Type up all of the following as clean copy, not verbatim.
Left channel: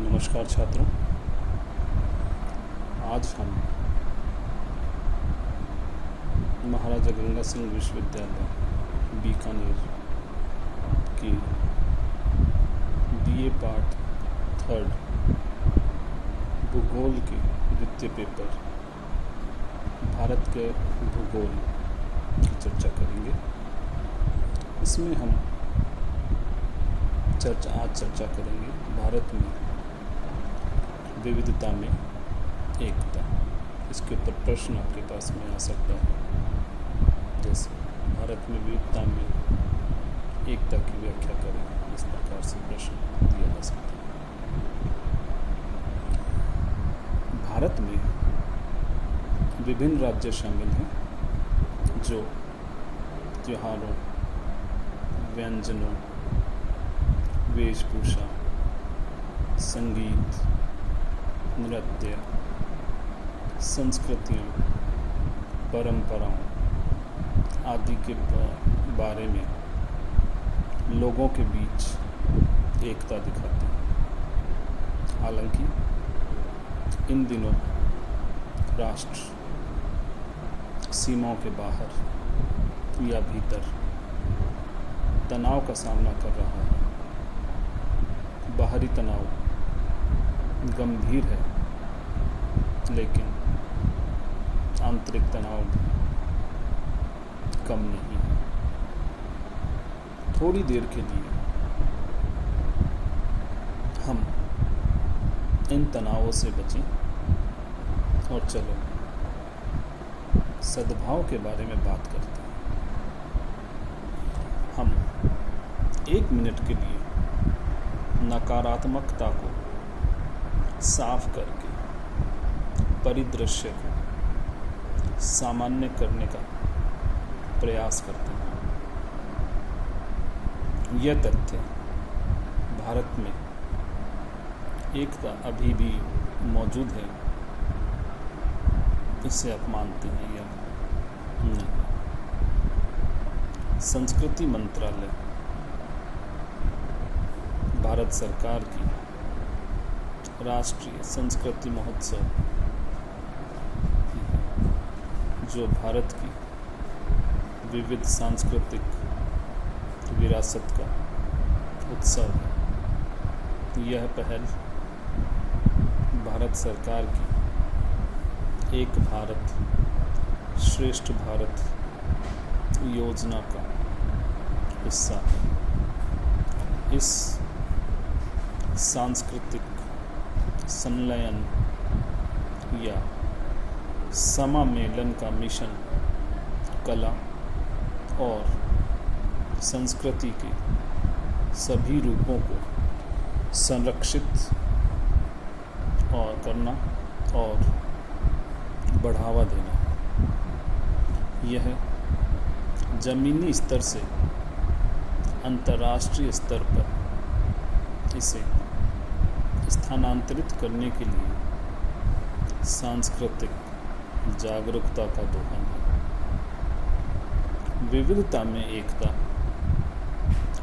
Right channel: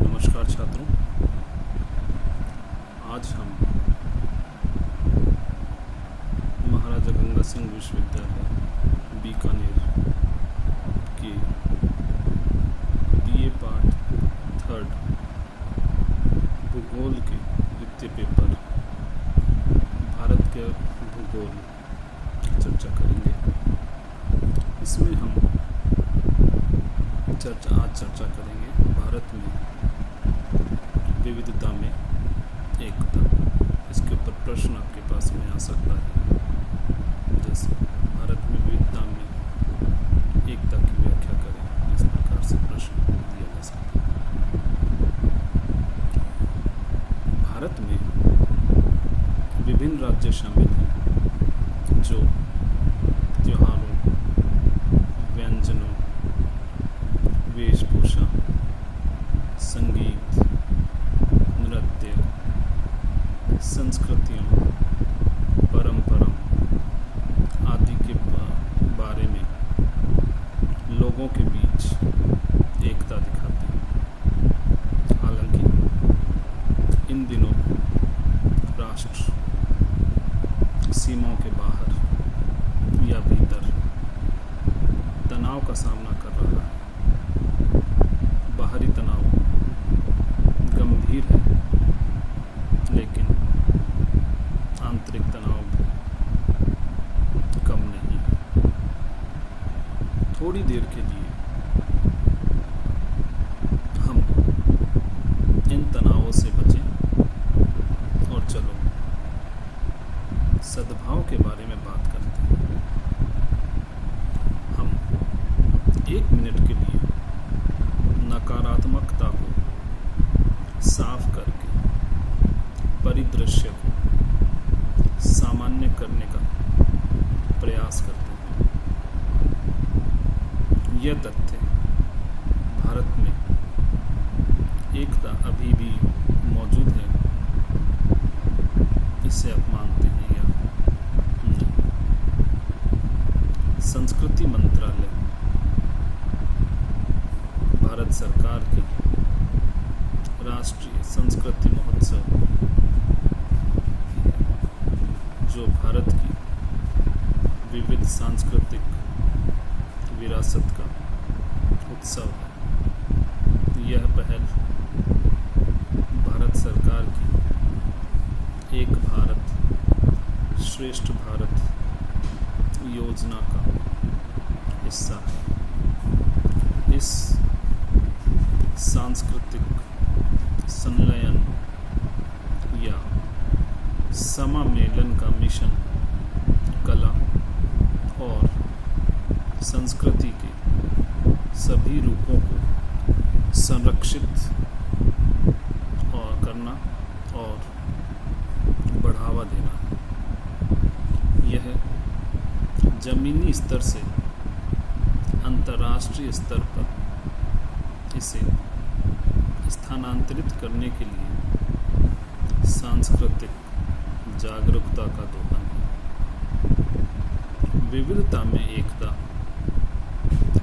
नमस्कार छात्रों, आज हम महाराजा गंगा सिंह विश्वविद्यालय बीकानेर के बीए पार्ट 3 भूगोल के द्वितीय पेपर भारत के भूगोल की चर्चा करेंगे। इसमें हम चर्चा करेंगे भारत में विविधता में एकता। इसके ऊपर प्रश्न आपके पास में आ सकता है, जैसे भारत में विविधता में एकता की व्याख्या करें, इस प्रकार से प्रश्न दिया जा सकता है। भारत में विभिन्न राज्य शामिल हैं जो त्योहारों, व्यंजनों, वेशभूषा, संगीत, नृत्य, संस्कृतियों, परंपराओं आदि के बारे में लोगों के बीच एकता दिखाते हैं। हालांकि इन दिनों राष्ट्र सीमाओं के बाहर या भीतर तनाव का सामना कर रहा है। बाहरी तनाव गंभीर है, लेकिन आंतरिक तनाव भी कम नहीं है। थोड़ी देर के लिए हम इन तनावों से बचें और चलो सद्भाव के बारे में बात करते हैं। हम 1 मिनट के लिए नकारात्मकता को साफ करके परिदृश्य को सामान्य करने का प्रयास करते हैं। यह तथ्य भारत में एकता अभी भी मौजूद है, इसे आप मानते हैं या नहीं? संस्कृति मंत्रालय भारत सरकार की राष्ट्रीय संस्कृति महोत्सव, जो भारत की विविध सांस्कृतिक विरासत का उत्सव है। यह पहल भारत सरकार की एक भारत श्रेष्ठ भारत योजना का हिस्सा है। इस सांस्कृतिक संलयन या समामेलन का मिशन कला और संस्कृति के सभी रूपों को संरक्षित और करना और बढ़ावा देना है। यह जमीनी स्तर से अंतर्राष्ट्रीय स्तर पर इसे स्थानांतरित करने के लिए सांस्कृतिक जागरूकता का दोहन है। विविधता में एकता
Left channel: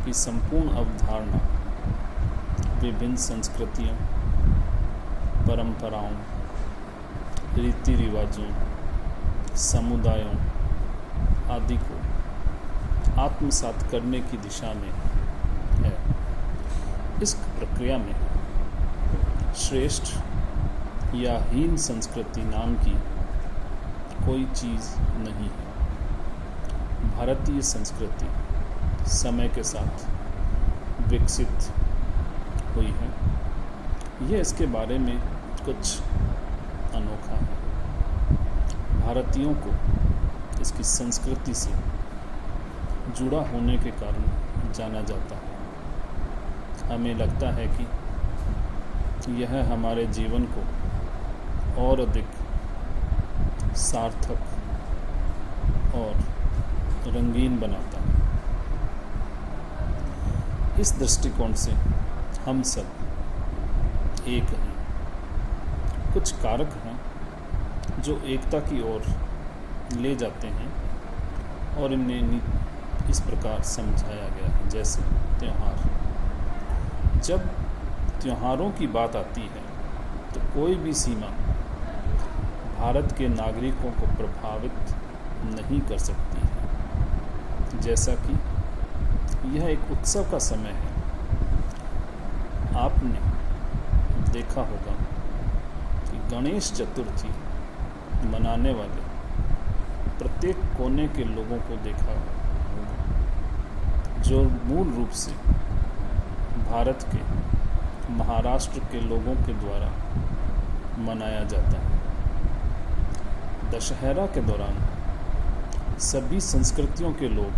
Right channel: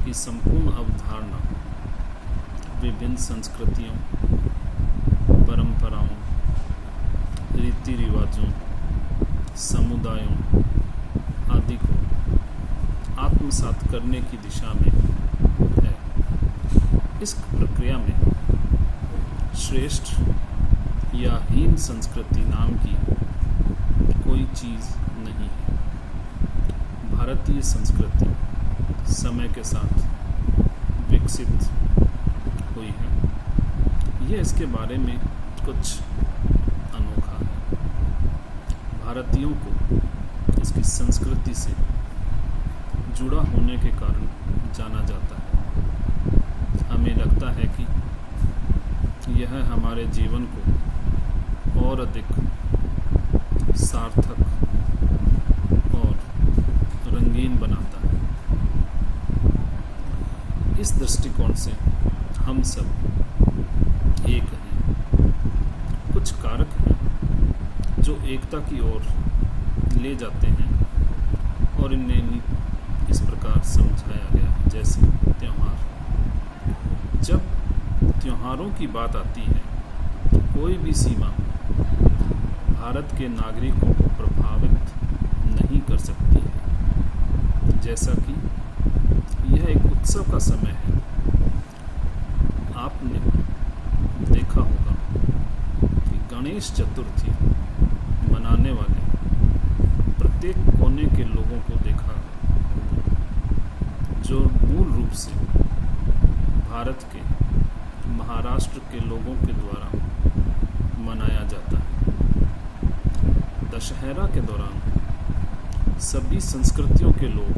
की संपूर्ण अवधारणा विभिन्न संस्कृतियों, परंपराओं, रीति रिवाजों, समुदायों आदि को आत्मसात करने की दिशा में है। इस प्रक्रिया में श्रेष्ठ या हीन संस्कृति नाम की कोई चीज़ नहीं है। भारतीय संस्कृति समय के साथ विकसित हुई है। यह इसके बारे में कुछ अनोखा है। भारतीयों को इसकी संस्कृति से जुड़ा होने के कारण जाना जाता है। हमें लगता है कि यह हमारे जीवन को और अधिक सार्थक और रंगीन बनाता है। इस दृष्टिकोण से हम सब एक हैं। कुछ कारक हैं जो एकता की ओर ले जाते हैं और इन्हें इस प्रकार समझाया गया है। जैसे त्यौहार, जब त्योहारों की बात आती है तो कोई भी सीमा भारत के नागरिकों को प्रभावित नहीं कर सकती है। जैसा कि यह एक उत्सव का समय है, आपने देखा होगा कि गणेश चतुर्थी मनाने वाले प्रत्येक कोने के लोगों को देखा होगा, जो मूल रूप से भारत के महाराष्ट्र के लोगों के द्वारा मनाया जाता है। दशहरा के दौरान सभी संस्कृतियों के लोग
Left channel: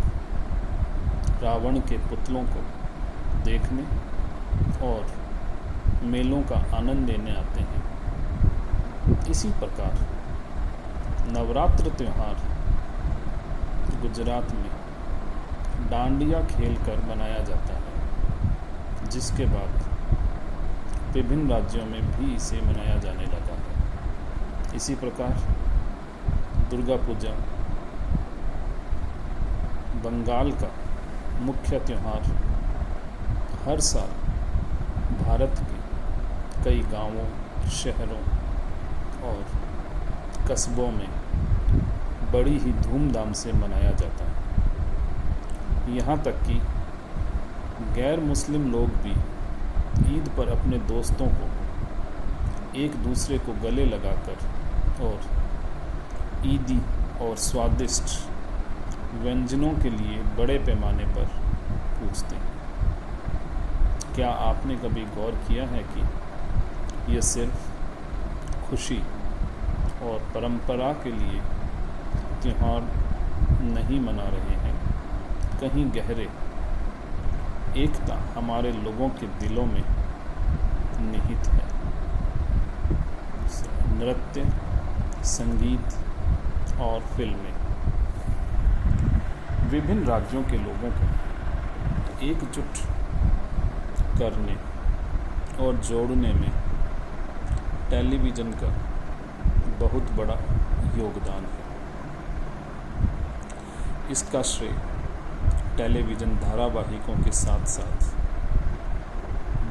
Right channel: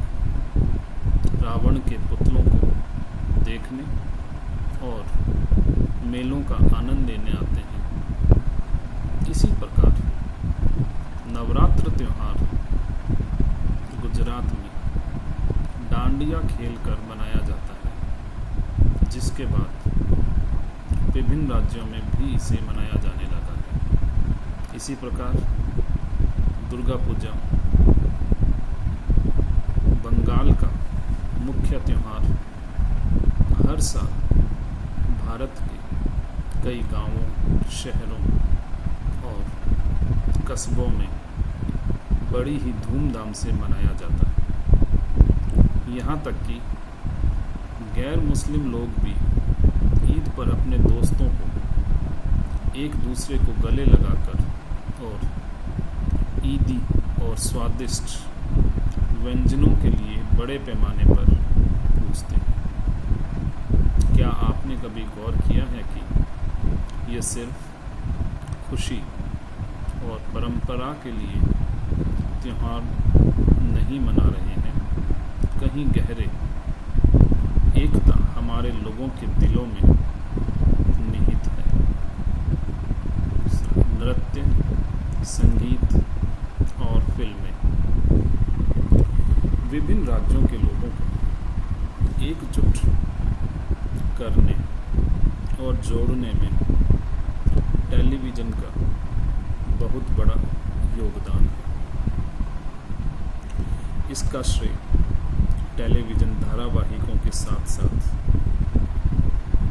रावण के पुतलों को देखने और मेलों का आनंद लेने आते हैं। इसी प्रकार नवरात्र त्योहार गुजरात में डांडिया खेल कर मनाया जाता है, जिसके बाद विभिन्न राज्यों में भी इसे मनाया जाने लगा है। इसी प्रकार दुर्गा पूजा बंगाल का मुख्य त्योहार हर साल भारत के कई गांवों, शहरों और कस्बों में बड़ी ही धूमधाम से मनाया जाता है। यहाँ तक कि गैर मुस्लिम लोग भी ईद पर अपने दोस्तों को एक दूसरे को गले लगाकर और ईदी और स्वादिष्ट व्यंजनों के लिए बड़े पैमाने पर पूछते हैं। क्या आपने कभी गौर किया है कि यह सिर्फ खुशी और परंपरा के लिए त्योहार नहीं मना रहे हैं, कहीं गहरे एकता हमारे लोगों के दिलों में निहित है। नृत्य, संगीत और फिल्में विभिन्न राज्यों के लोगों को एकजुट करने और जोड़ने में टेलीविज़न का बहुत बड़ा योगदान है। इसका श्रेय टेलीविज़न धारावाहिकों के साथ साथ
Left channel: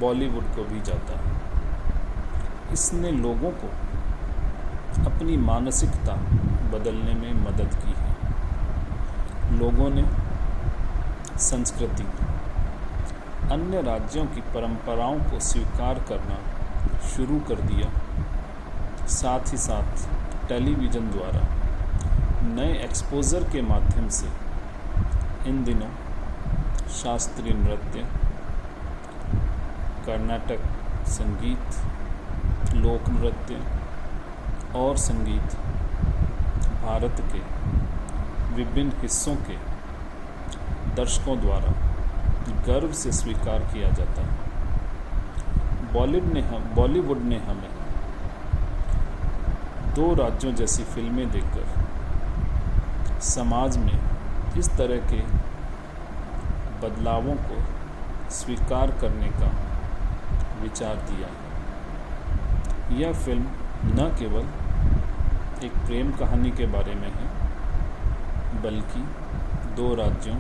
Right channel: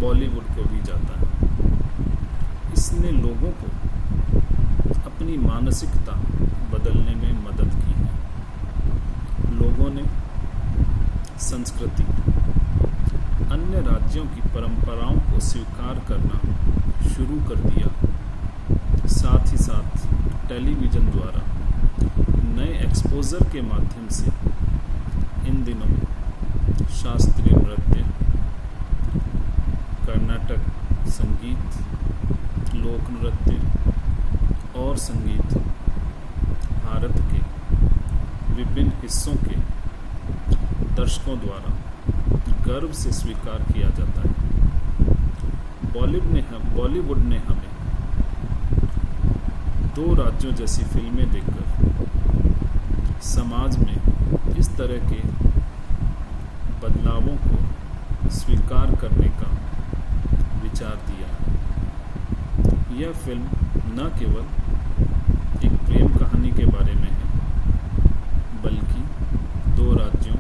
बॉलीवुड को भी जाता है। इसने लोगों को अपनी मानसिकता बदलने में मदद की है। लोगों ने संस्कृति, अन्य राज्यों की परंपराओं को स्वीकार करना शुरू कर दिया। साथ ही साथ टेलीविज़न द्वारा नए एक्सपोजर के माध्यम से इन दिनों शास्त्रीय नृत्य, कर्नाटक संगीत, लोक नृत्य और संगीत भारत के विभिन्न हिस्सों के दर्शकों द्वारा गर्व से स्वीकार किया जाता है। बॉलीवुड ने हमें दो राज्यों जैसी फिल्में देखकर समाज में इस तरह के बदलावों को स्वीकार करने का विचार दिया है। यह फिल्म न केवल एक प्रेम कहानी के बारे में है, बल्कि दो राज्यों,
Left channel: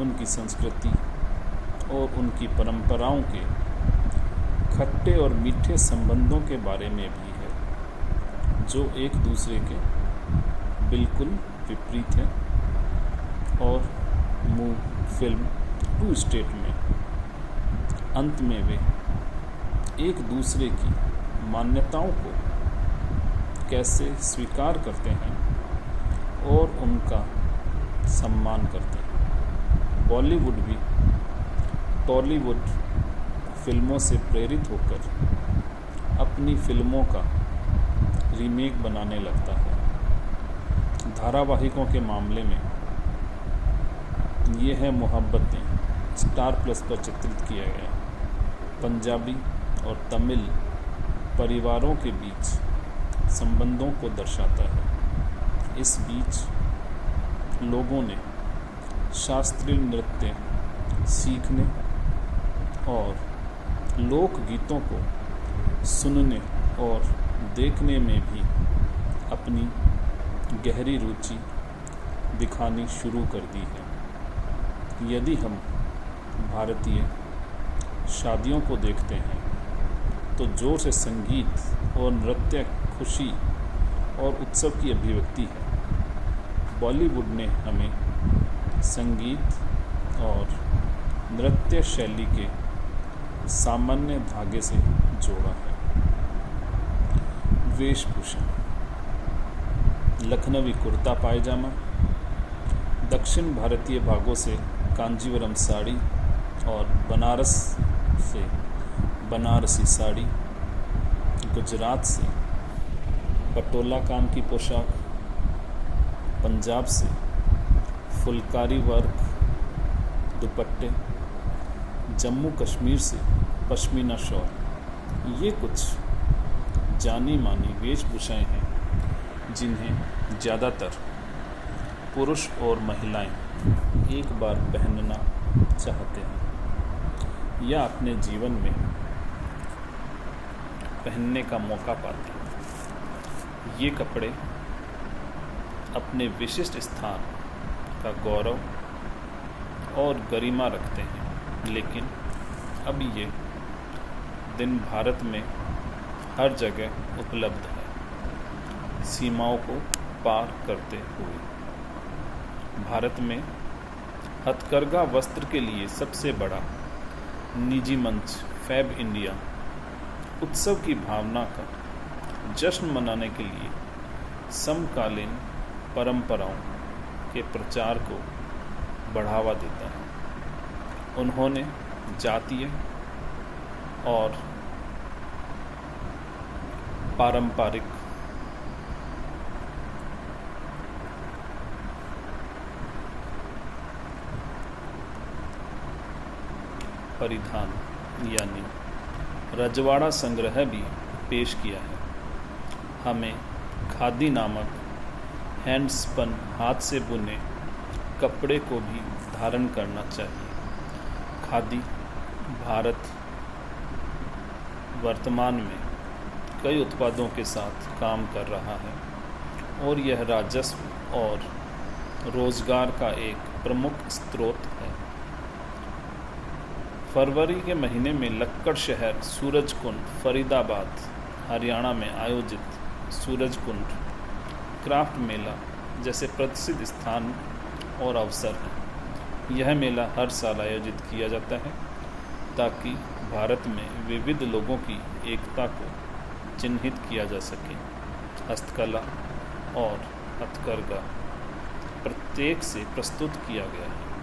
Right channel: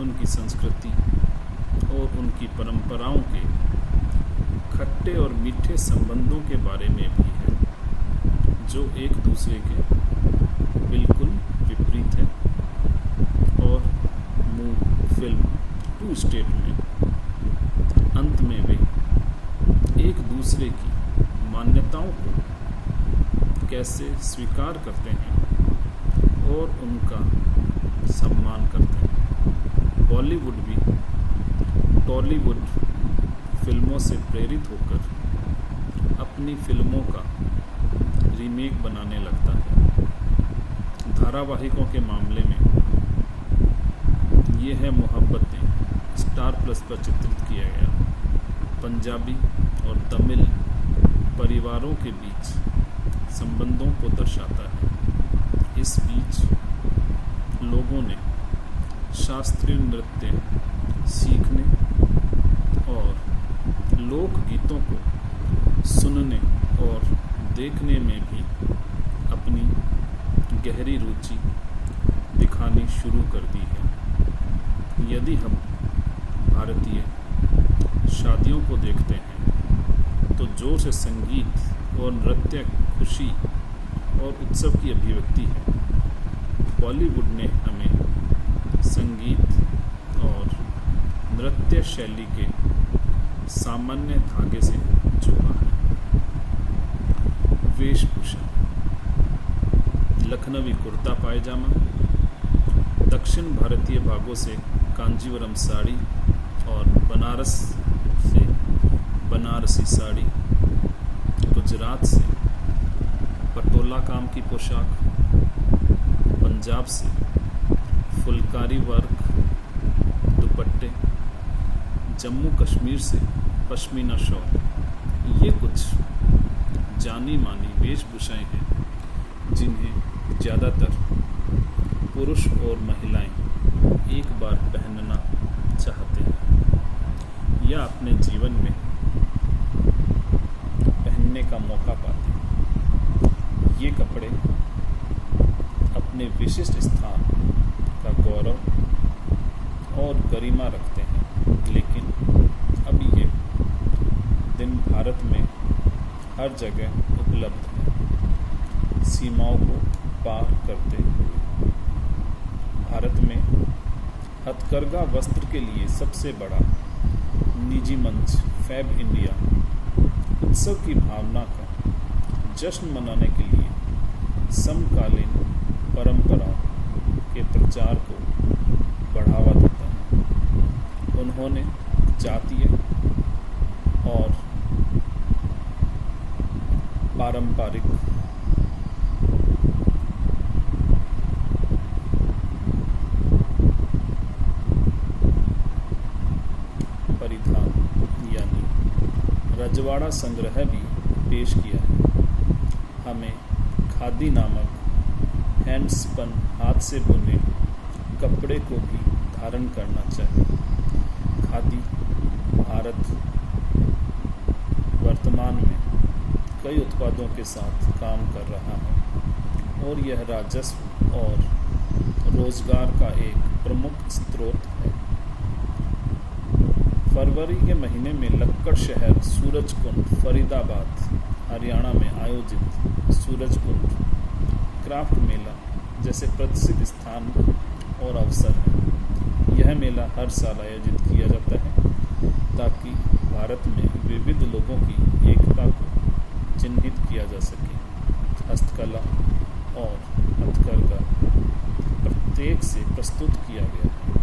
उनकी संस्कृति और उनकी परंपराओं के खट्टे और मीठे संबंधों के बारे में भी है, जो एक दूसरे के बिल्कुल विपरीत है। और फिल्म टू स्टेट में अंत में वे एक दूसरे की मान्यताओं को कैसे स्वीकार करते हैं और उनका सम्मान करते हैं। बॉलीवुड भी टॉलीवुड फिल्मों से प्रेरित होकर अपनी फिल्मों का रीमेक बनाने लगता है। धारावाहिकों के मामले में ये है मोहब्बतें, स्टार प्लस पर चित्रित किया गया पंजाबी और तमिल परिवारों के बीच संबंधों को दर्शाता है। इस बीच लोगों ने शास्त्रीय नृत्य सीखने और लोकगीतों को सुनने और देखने में भी अपनी गहरी रुचि दिखानी शुरू कर दी है। यदि हम भारतीय शादियों को देखते हैं तो जोर से संगीत और नृत्य खुशी और उत्सव की अभिव्यक्ति है। बॉलीवुड ने हमें संगीत और नृत्य शैली के सामान्य धागे से जोड़ा है। वेशभूषा, लखनवी कुर्ता पायजामा, दक्षिण भारतीय भागों से कांजीवरम साड़ी और बनारस से बनारसी साड़ी, गुजरात से पटोला काम की पोशाक, पंजाब से फुलकारी वर्क दुपट्टे, जम्मू कश्मीर से पश्मीना शॉल। ये कुछ जानी मानी वेशभूषाएं हैं जिन्हें ज़्यादातर पुरुष और महिलाएं एक बार पहनना चाहते हैं या अपने जीवन में पहनने का मौका पाते हैं। ये कपड़े अपने विशिष्ट स्थान का गौरव और गरिमा रखते हैं, लेकिन अब ये दिन भारत में हर जगह उपलब्ध है। सीमाओं को पार करते हुए भारत में हथकरघा वस्त्र के लिए सबसे बड़ा निजी मंच फैब इंडिया उत्सव की भावना का जश्न मनाने के लिए समकालीन परंपराओं के प्रचार को बढ़ावा देता है। उन्होंने जातीय और पारंपरिक परिधान यानी रजवाड़ा संग्रह भी पेश किया है। हमें खादी नामक हैंडस्पन हाथ से बुने कपड़े को भी धारण करना चाहिए। खादी भारत वर्तमान में कई उत्पादों के साथ काम कर रहा है और यह राजस्व और रोजगार का एक प्रमुख स्रोत है। फरवरी के महीने में लक्कड़ शहर सूरजकुंड फरीदाबाद हरियाणा में आयोजित सूरजकुंड क्राफ्ट मेला जैसे प्रसिद्ध स्थान और अवसर हैं। यह मेला हर साल आयोजित किया जाता है ताकि भारत में विविध लोगों की एकता को चिन्हित किया जा सके। हस्तकला और हथकरघा प्रत्येक से प्रस्तुत किया गया है।